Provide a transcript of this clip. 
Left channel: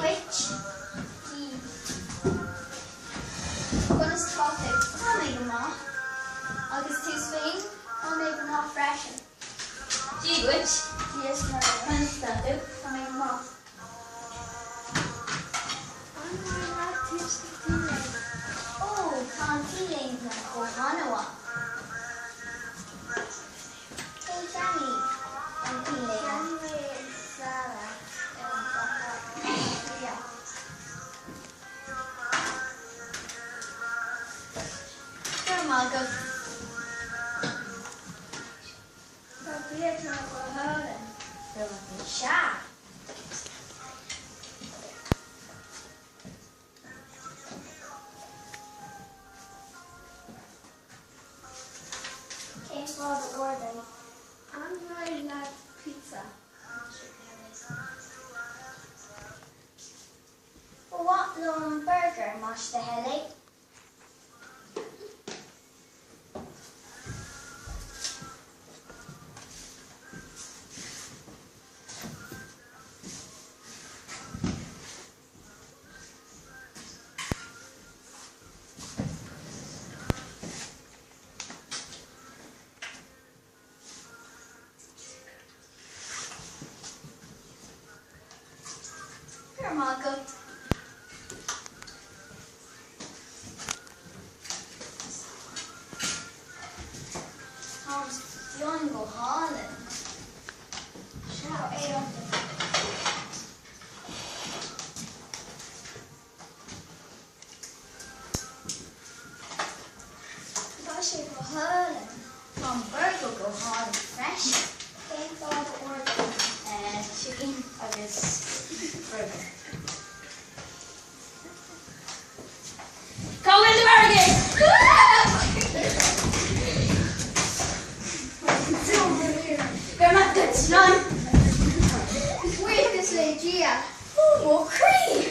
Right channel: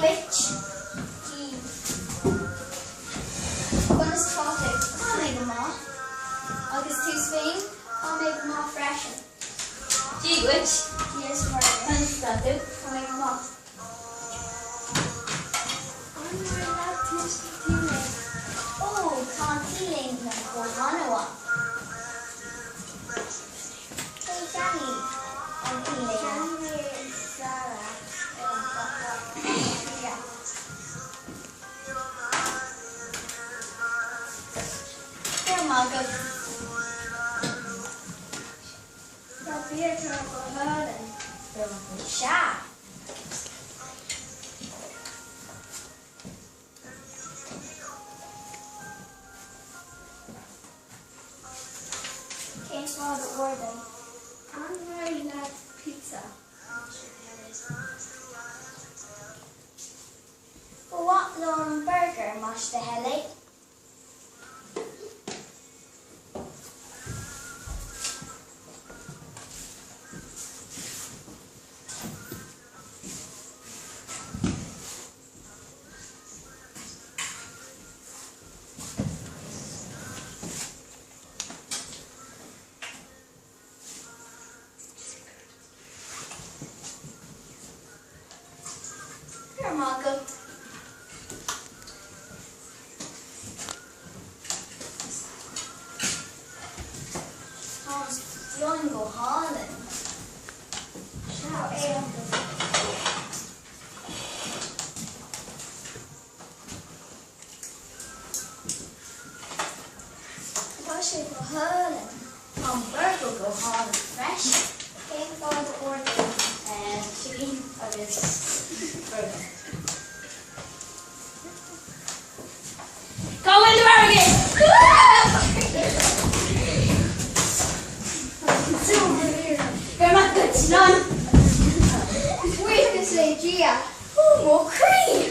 Witch. Gonna stop it. I'll make them all. August 2 Spain. I'll make them all fresh. Witch. Yes, murder. When's that do? I'll make them all. Oh, can't feeling that go Hanawa. Hey, Johnny. I'm feeling. Johnny and Sarah. Yeah. Here, Margaret. Shy. Can't follow the order. I'm very like pizza. For what long burger, mash the helly? Here, Margaret. Tom's Jungle Holland. Shout out. Gosh, go Holland. Tom Burger go Holland fresh. Cake for the order and chicken for this burger. Go in the burger! You're not good, none. Wait, this lady, Gia. Oh, more cream.